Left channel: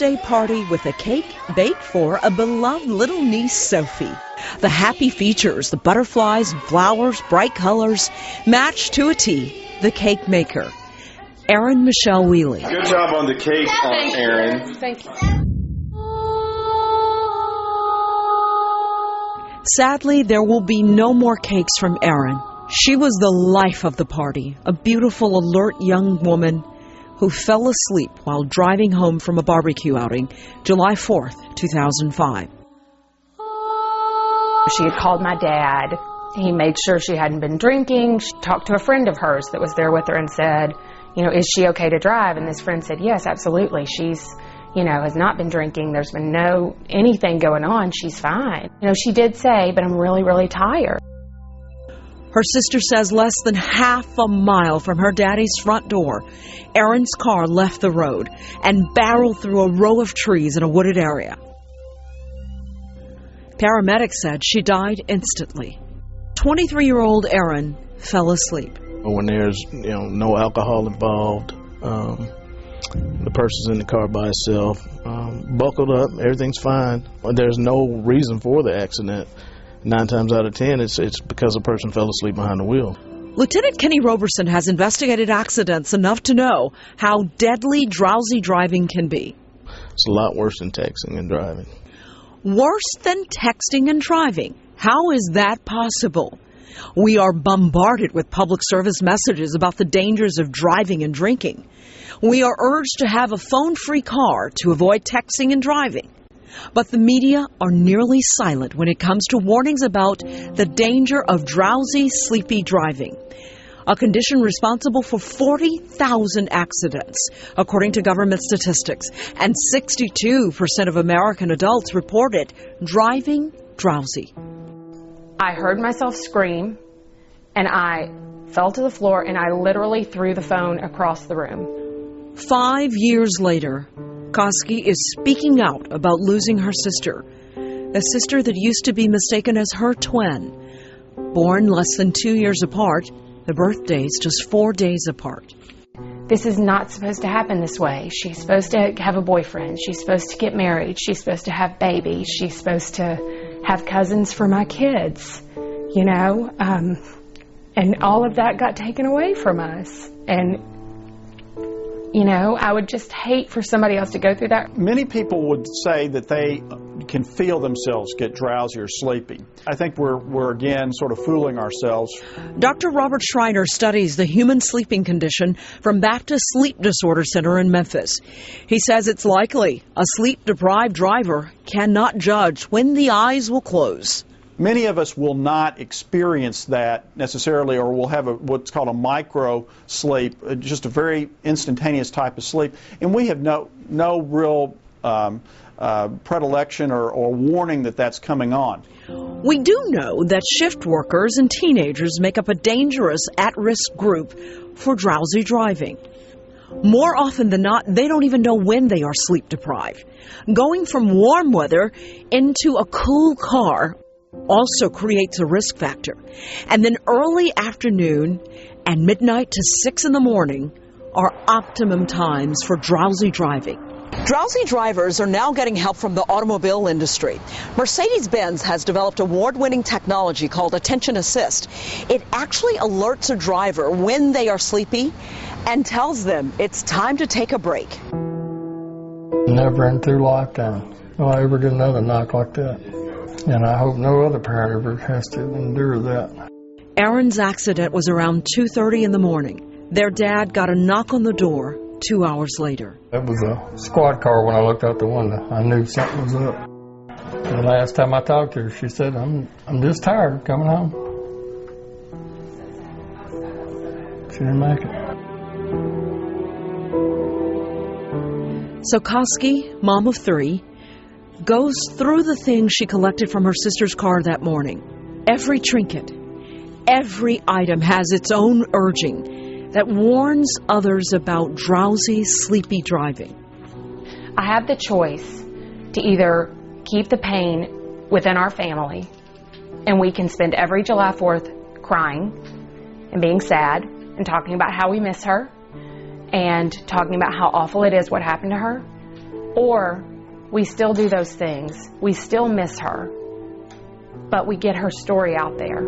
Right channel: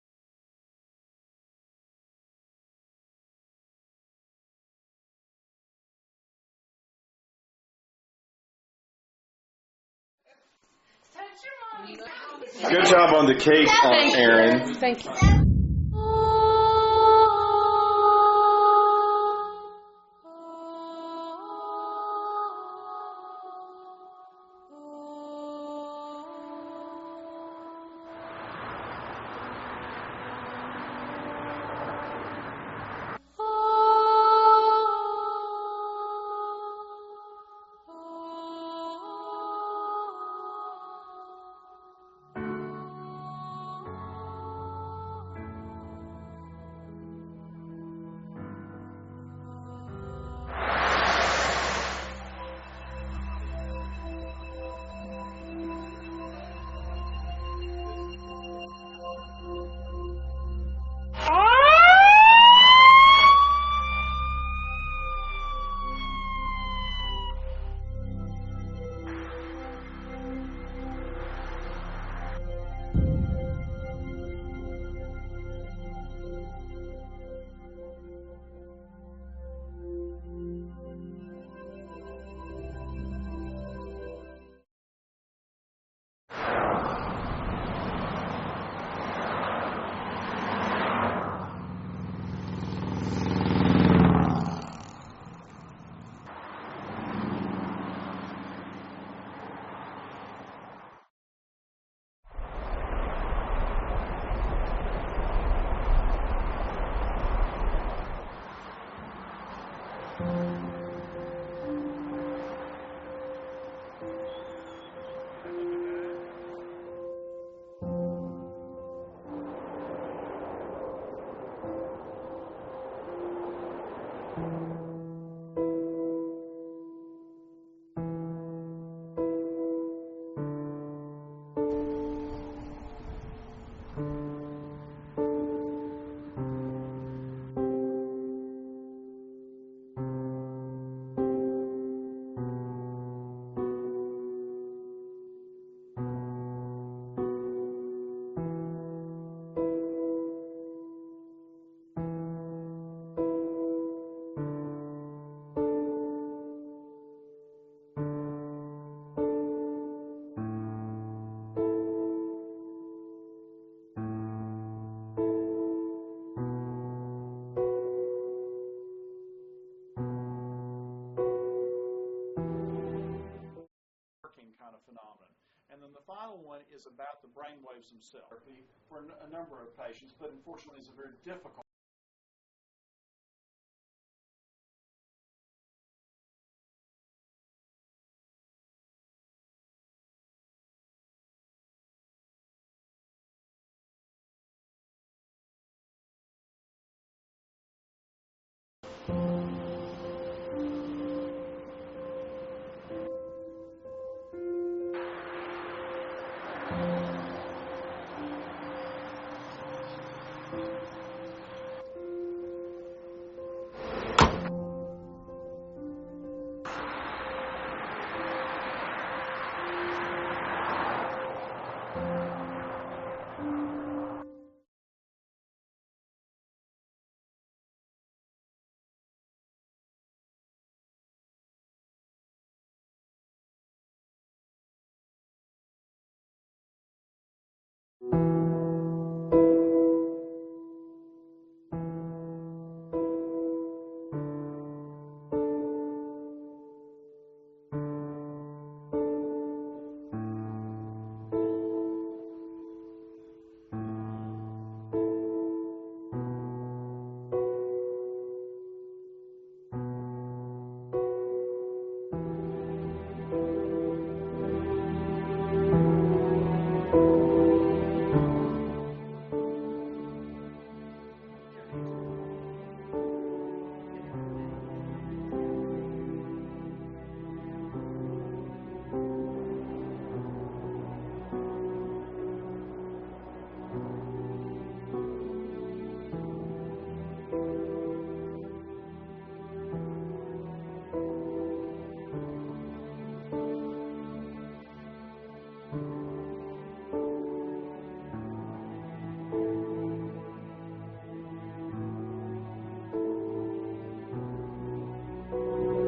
birthday party with a cake baked for a beloved little niece, Sophie. The happy features, the butterflies and flowers, bright colors, matched to a T, the cake maker, Erin Michelle Wheeling. Good job on the cake, Erin. Thank you. Sadly, there will be no more cakes from Erin. She was the life of the party, a beautiful, alert young woman who fell asleep while driving home from a barbecue outing July 4th, 2005. She had called my dad. He made sure she hadn't been drinking. She talked to a friend of hers that was there with her and said, you know, is she okay to drive? And this friend said, yes, absolutely. She's, you know, has not been drinking. There's been anything going on. She's fine. You know, she did say, but I'm really, really tired. Her sister says less than half a mile from her daddy's front door, Erin's car left the road and barreled through a row of trees in a wooded area. Paramedics said she died instantly. 23-year-old Erin fell asleep. When there's no alcohol involved, the person's in the car by itself, buckled up, everything's fine. There's no reason for the accident. 9 times out of 10, it's because a person fell asleep behind the wheel. Lieutenant Kenny Roberson has investigated accidents enough to know how deadly drowsy driving can be. It's a lot worse than texting and driving. Worse than texting and driving? How is that possible? We are bombarded with public service messages about the dangers of driving and drinking. We are urged to have a phone-free car to avoid texting and driving. But the media are nearly silent when it comes to warnings about the danger of drowsy, sleepy driving, a condition responsible for 40,000 accidents, according to government statistics, and 62% of American adults reported driving drowsy. I heard myself scream, and I fell to the floor, and I literally threw the phone across the room. 5 years later, Koski is speaking out about losing her sister, a sister that used to be mistaken as her twin. Born less than 2 years apart, the birthdays just 4 days apart. This is not supposed to happen this way. She's supposed to have a boyfriend. She's supposed to get married. She's supposed to have babies. She's supposed to have cousins for my kids, you know? And all of that got taken away from us. And you know, I would just hate for somebody else to go through that. Many people would say that they can feel themselves get drowsy or sleepy. I think we're again sort of fooling ourselves. Dr. Robert Schreiner studies the human sleeping condition from Baptist Sleep Disorder Center in Memphis. He says it's likely a sleep-deprived driver cannot judge when the eyes will close. Many of us will not experience that necessarily, or will have what's called a micro sleep, just a very instantaneous type of sleep. And we have no real predilection or warning that that's coming on. We do know that shift workers and teenagers make up a dangerous at-risk group for drowsy driving. More often than not, they don't even know when they are sleep deprived. Going from warm weather into a cool car also creates a risk factor. And then early afternoon and midnight to 6 in the morning are optimum times for drowsy driving. Drowsy drivers are now getting help from the automobile industry. Mercedes-Benz has developed award-winning technology called Attention Assist. It actually alerts a driver when they are sleepy and tells them it's time to take a break. Never in 2 lifetimes will I ever get another knock like that. And I hope no other parent ever has to endure that. Erin's accident was around 2:30 in the morning. Their dad got a knock on the door 2 hours later. It was a squad car when I looked out the window. I knew something was up. The last time I talked to her, she said, I'm just tired of coming home. She didn't make it. So Koski, mom of 3, goes through the things she collected from her sister's car that morning. Every trinket, every item has its own urging that warns others about drowsy, sleepy driving. I have the choice to either keep the pain within our family, and we can spend every July 4th crying and being sad and talking about how we miss her and talking about how awful it is what happened to her, Or we still do those things, we still miss her, but we get her story out there.